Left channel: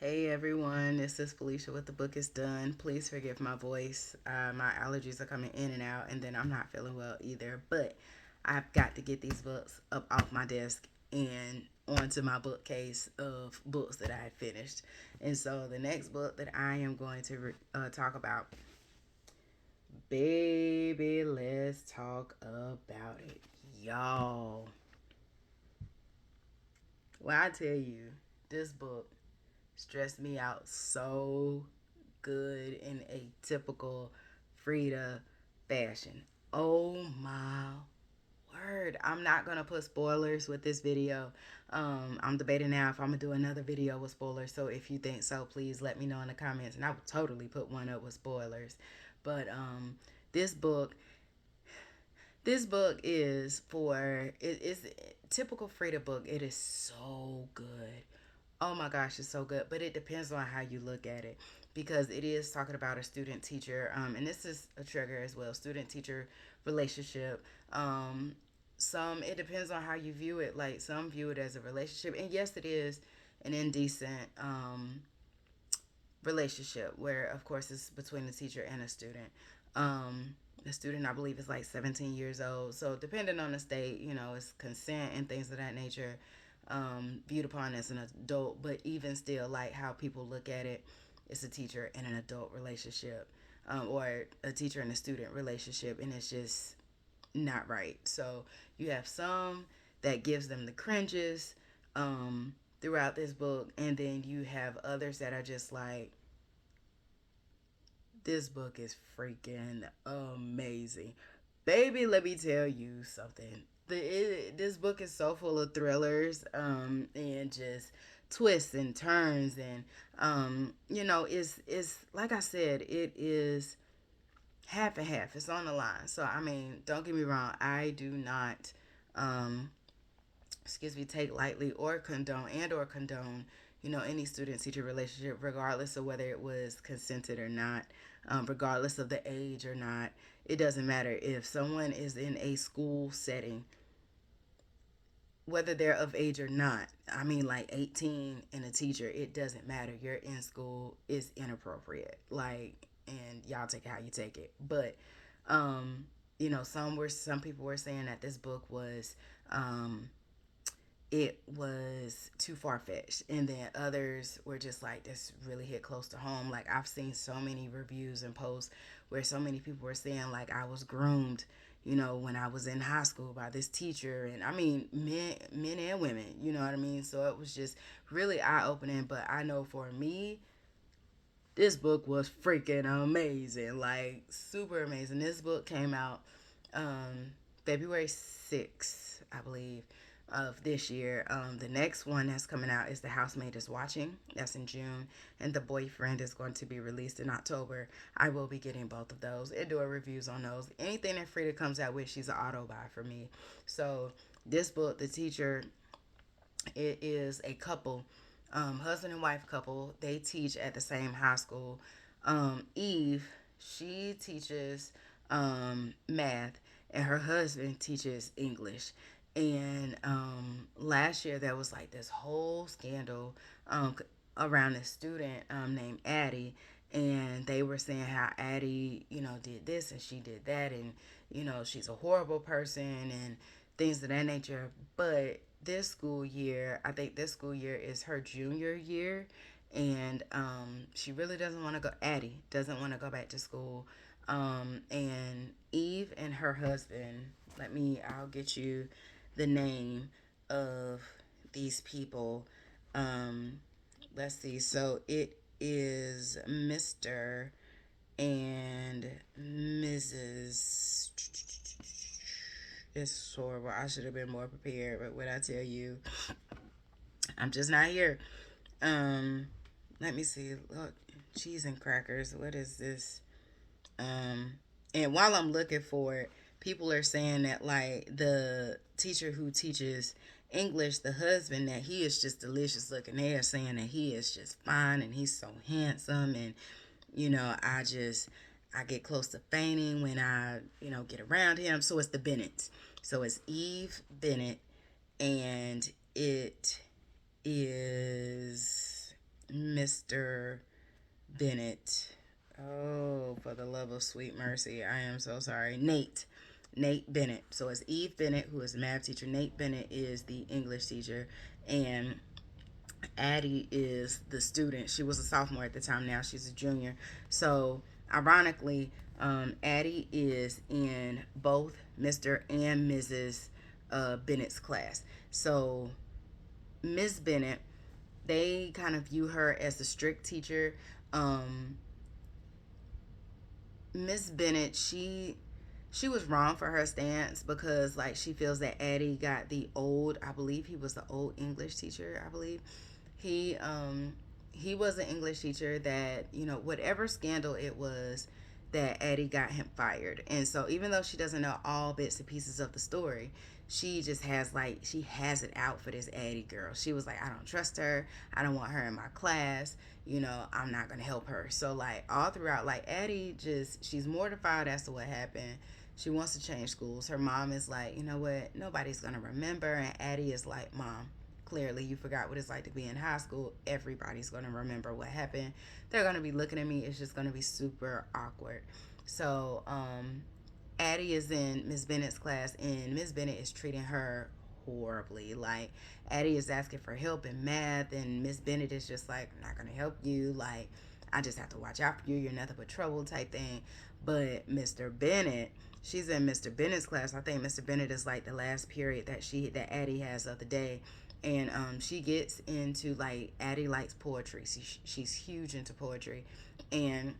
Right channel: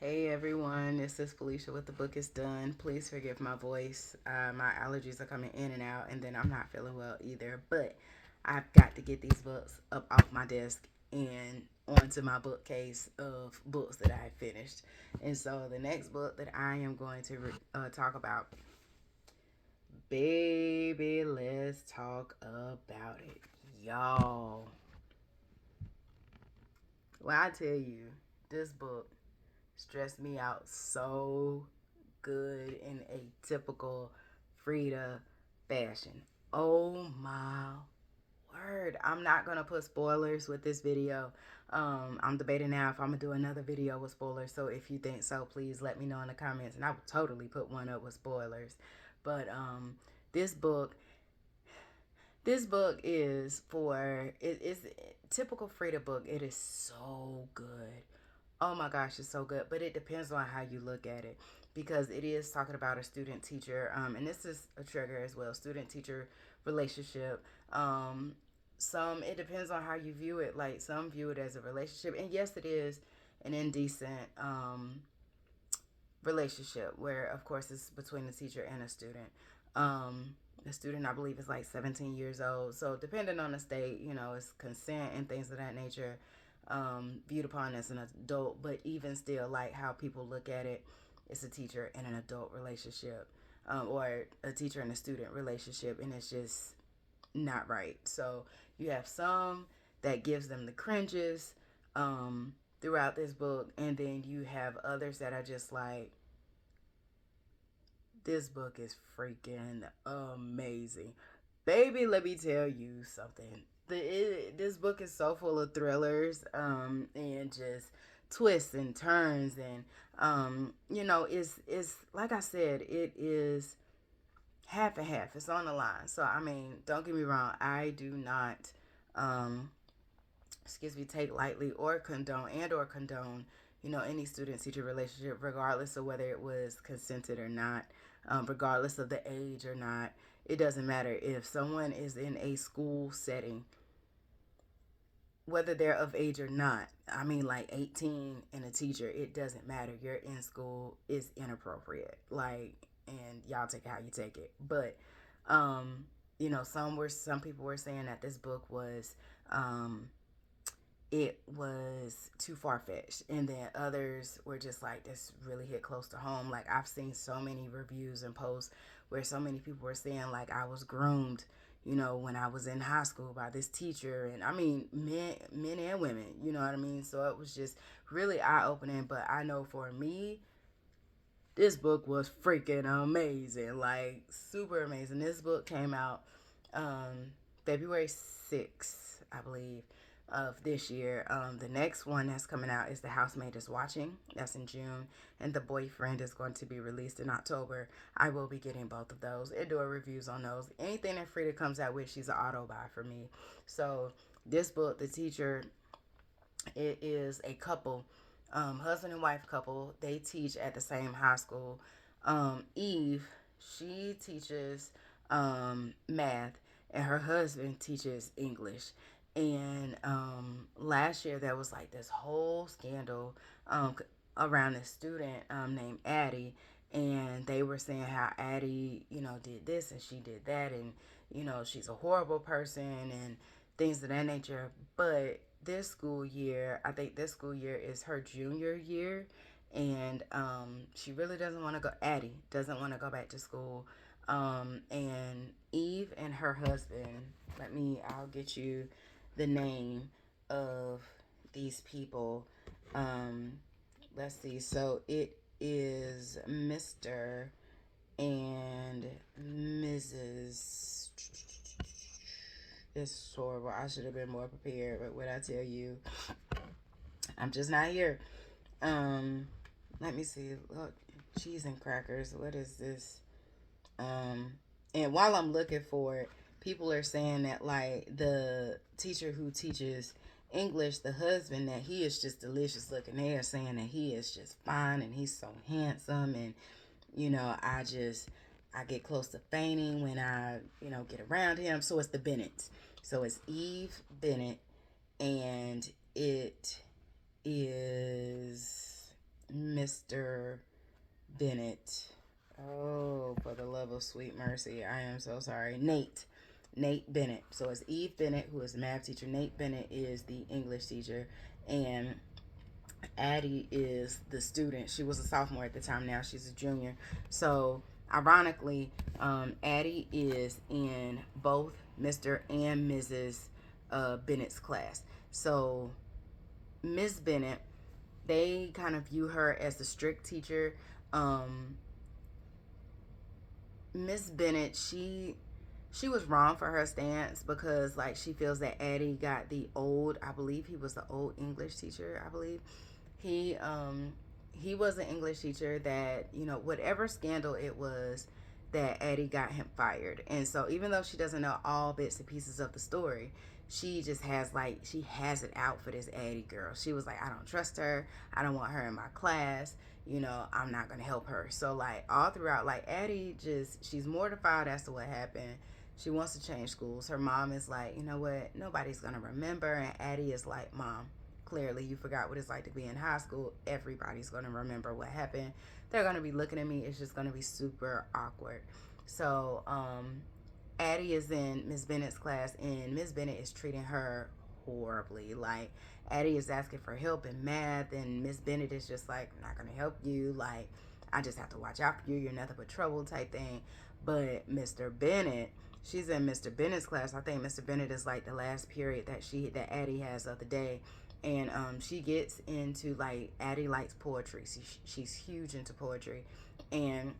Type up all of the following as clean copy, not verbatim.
Hey everyone, this is Felicia with The Book is Done. Please forgive my voice. My allergies are coming in and out, and then I'm not feeling well either. But I've got to get these books up off my desk and onto my bookcase of books that I finished. And so the next book that I am going to talk about, baby, let's talk about it. Y'all, when I tell you, this book stressed me out so good in a typical Freida fashion. Oh my word. I'm not going to put spoilers with this video. I'm debating now if I'm going to do another video with spoilers. So if you think so, please let me know in the comments. And I would totally put one up with spoilers. But this book, this book is for, it is typical Frida book. It is so good. Oh my gosh, it's so good. But it depends on how you look at it because it is talking about a student teacher, and this is a trigger as well, student teacher relationship. Some it depends on how you view it. Like some view it as a relationship, and yes, it is an indecent relationship where, of course, it's between the teacher and a student. The student, I believe, is like 17 years old. So, depending on the state, it's consent and things of that nature, viewed upon as an adult. But even still, like how people look at it, it's a teacher and an adult relationship, or a teacher and a student relationship, and it's just not right. So, you have some that gives them the cringes throughout this book, and then you have others that are just like, this book is freaking amazing. Baby, let me tell you something. This book is so full of thrillers and just twists and turns. And, it's like I said, it is half and half. It's on the line. So, I mean, don't get me wrong. I do not, um, take lightly or condone, any student teacher relationship, regardless of whether it was consented or not, regardless of the age or not. It doesn't matter if someone is in a school setting, whether they're of age or not. I mean, like 18 and a teacher, it doesn't matter. You're in school, it's inappropriate. Like, and y'all take it how you take it. But, some people were saying that this book was, it was too far fetched. And then others were just like, this really hit close to home. Like, I've seen so many reviews and posts where so many people were saying, like, I was groomed, when I was in high school by this teacher. And I mean, men and women, you know what I mean? So it was just really eye opening. But I know for me, this book was freaking amazing, like super amazing. This book came out February 6th, I believe, of this year. The next one that's coming out is The Housemaid is Watching. That's in June. And The Boyfriend is going to be released in October. I will be getting both of those and doing reviews on those. Anything that Frida comes out with, she's an auto buy for me. So this book, The Teacher, it is a couple, husband and wife couple. They teach at the same high school. Eve, she teaches math, and her husband teaches English. And last year there was like this whole scandal around a student named Addie, and they were saying how Addie, did this and she did that, and she's a horrible person and things of that nature. But this school year, I think this school year is her junior year, and she really doesn't want to go. Addie doesn't want to go back to school, and Eve and her husband. I'll get you the name of these people. Um, let's see. So it is Mr. and Mrs. It's horrible. I should have been more prepared, but what I tell you, I'm just not here. Um, Let me see. Look, cheese and crackers. What is this? Um, and while I'm looking for it, people are saying that like the teacher who teaches English, the husband, that he is just delicious looking. They are saying that he is just fine and he's so handsome, and I get close to fainting when I get around him. So it's the Bennetts. So it's Eve Bennett, and it is Mr. Bennett. Oh, for the love of sweet mercy. I am so sorry. Nate Bennett. So it's Eve Bennett, who is the math teacher. Nate Bennett is the English teacher. And Addie is the student. She was a sophomore at the time. Now she's a junior. So, ironically, Addie is in both Mr. and Mrs. Bennett's class. So, Miss Bennett, they kind of view her as the strict teacher. Um, Miss Bennett, she was wrong for her stance because like she feels that Addie got the old, I believe he was the old English teacher, I believe. He was an English teacher that, whatever scandal it was, that Addie got him fired. And so even though she doesn't know all bits and pieces of the story, she just has like she has it out for this Addie girl. She was like, I don't trust her. I don't want her in my class. I'm not gonna help her. So like all throughout, like Addie she's mortified as to what happened. She wants to change schools. Her mom is like, you know what? Nobody's gonna remember. And Addie is like, Mom, clearly you forgot what it's like to be in high school. Everybody's gonna remember what happened. They're gonna be looking at me. It's just gonna be super awkward. So Addie is in Miss Bennett's class, and Miss Bennett is treating her horribly. Like, Addie is asking for help in math, and Miss Bennett is just like, I'm not going to help you. Like, I just have to watch out for you. You're nothing but trouble type thing. But Mr. Bennett, she's in Mr. Bennett's class. I think Mr. Bennett is like the last period that Addie has of the day. And she gets into like, Addie likes poetry. She's huge into poetry. And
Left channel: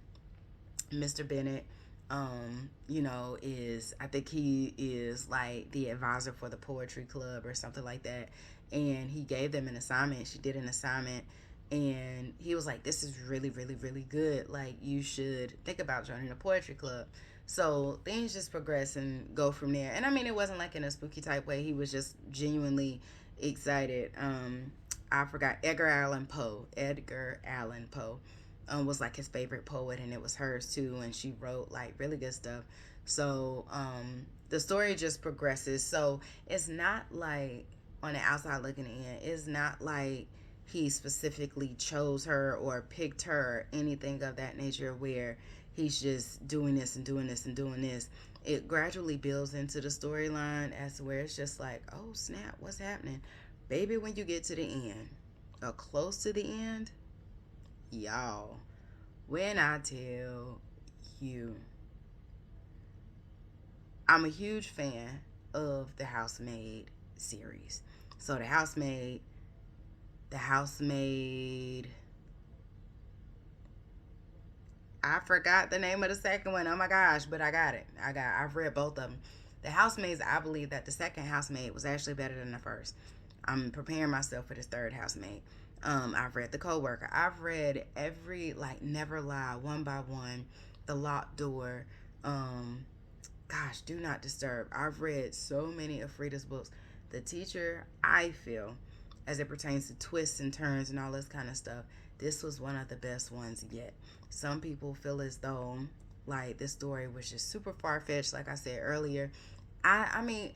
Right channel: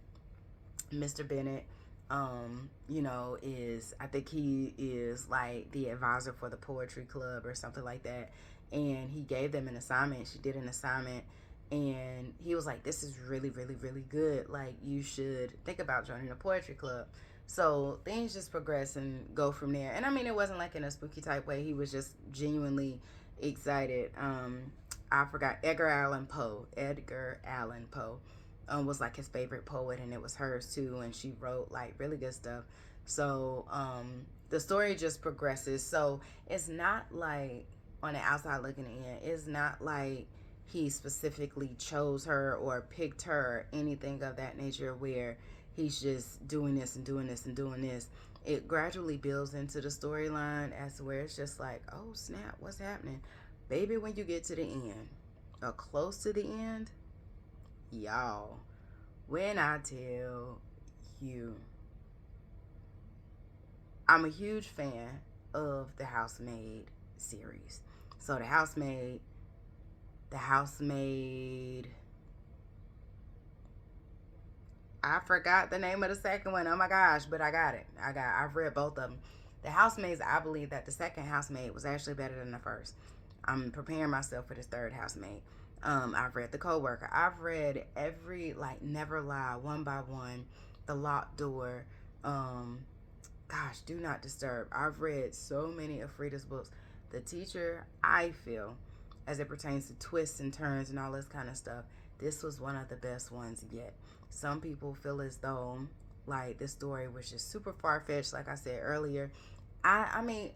Mr. Bennett, is I think he is like the advisor for the poetry club or something like that. And he gave them an assignment. She did an assignment, and he was like, "This is really, really, really good. Like, you should think about joining a poetry club." So things just progress and go from there. And I mean, it wasn't like in a spooky type way. He was just genuinely excited. I forgot Edgar Allan Poe was like his favorite poet, and it was hers too, and she wrote like really good stuff. So the story just progresses. So it's not like, on the outside looking in, it's not like he specifically chose her or picked her or anything of that nature, where he's just doing this and doing this and doing this. It gradually builds into the storyline as to where it's just like, oh snap, what's happening? Baby, when you get to the end, or close to the end, y'all, when I tell you, I'm a huge fan of the Housemaid series. So the Housemaid, I forgot the name of the second one. Oh my gosh, but I got it. I've read both of them. The Housemaids, I believe that the second Housemaid was actually better than the first. I'm preparing myself for this third Housemaid. I've read The Coworker. I've read every, like, Never Lie, One by One, The Locked Door, Do Not Disturb. I've read so many of Freida's books. The Teacher, I feel, as it pertains to twists and turns and all this kind of stuff, this was one of the best ones yet. Some people feel as though, like, this story was just super far-fetched, like I said earlier. I mean,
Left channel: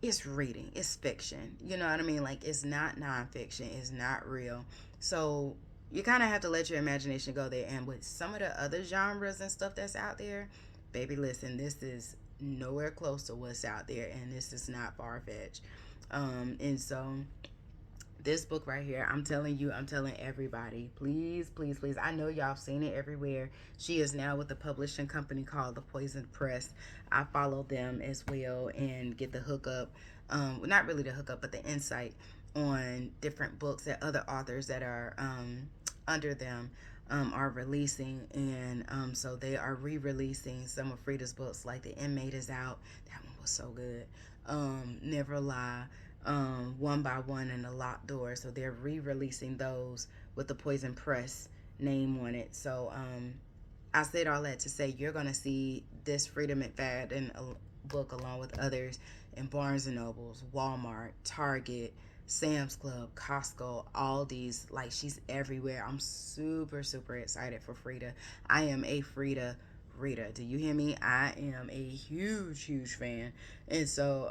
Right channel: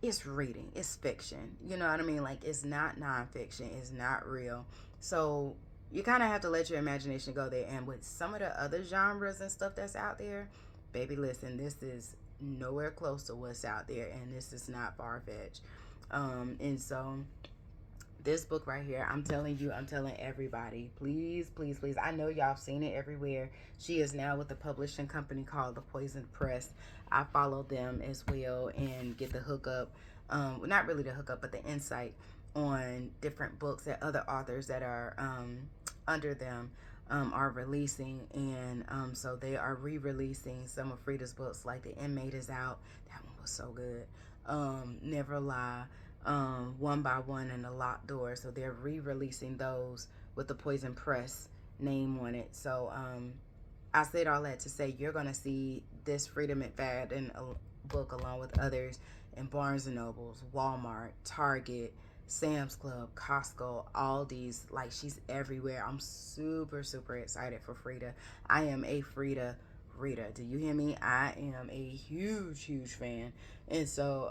it's reading, it's fiction, you know what I mean? Like, it's not nonfiction, it's not real. So you kind of have to let your imagination go there. And with some of the other genres and stuff that's out there, baby, listen, this is nowhere close to what's out there, and this is not far-fetched. And so this book right here, I'm telling everybody, please, please, please. I know y'all have seen it everywhere. She is now with a publishing company called The Poison Press. I follow them as well and get the hookup, not really the hookup, but the insight on different books that other authors that are under them are releasing. And so they are re-releasing some of Freida's books, like The Inmate is out. That one was so good. Never Lie, One by One, and The Locked Door. So they're re-releasing those with the Poison Press name on it. So I said all that to say you're going to see this Freida McFadden book along with others in Barnes & Nobles, Walmart, Target, Sam's Club, Costco, Aldi's. Like, she's everywhere. I'm super, super excited for Freida. I am a Freida reader. Do you hear me? I am a huge, huge fan. And so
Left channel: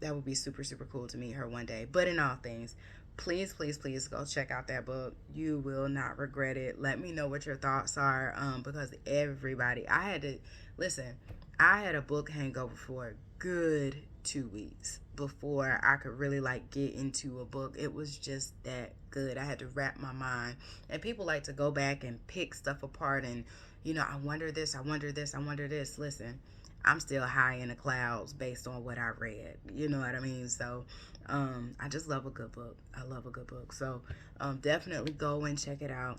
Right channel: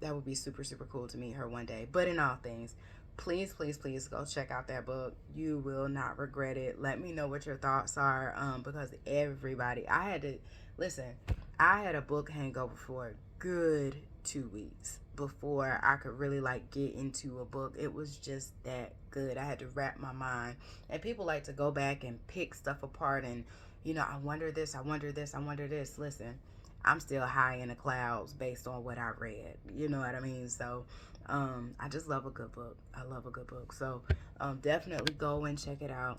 that would be super, super cool to meet her one day. But in all things, please, please, please go check out that book. You will not regret it. Let me know what your thoughts are, because everybody, I had to listen. I had a book hangover for a good 2 weeks before I could really like get into a book. It was just that good. I had to wrap my mind. And people like to go back and pick stuff apart and, I wonder this, I wonder this, I wonder this. Listen, I'm still high in the clouds based on what I read. You know what I mean? So I just love a good book. I love a good book. So definitely go and check it out.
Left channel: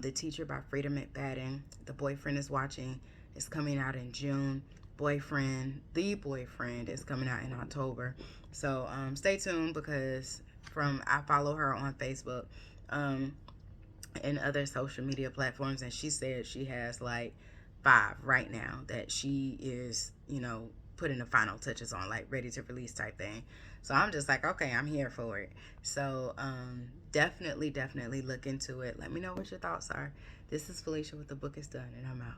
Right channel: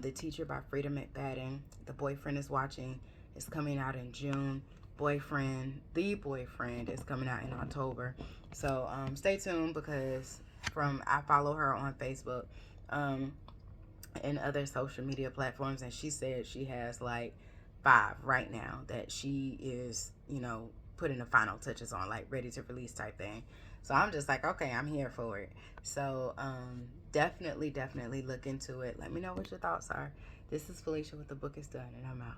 The Teacher by Freida McFadden. The Boyfriend is Watching. It's coming out in June. The Boyfriend is coming out in October. So stay tuned, because I follow her on Facebook and other social media platforms, and she said she has like 5 right now that she is, putting the final touches on, like ready to release type thing. So I'm just like, okay, I'm here for it. So definitely look into it. Let me know what your thoughts are. This is Felicia with The Book Is Done, and I'm out.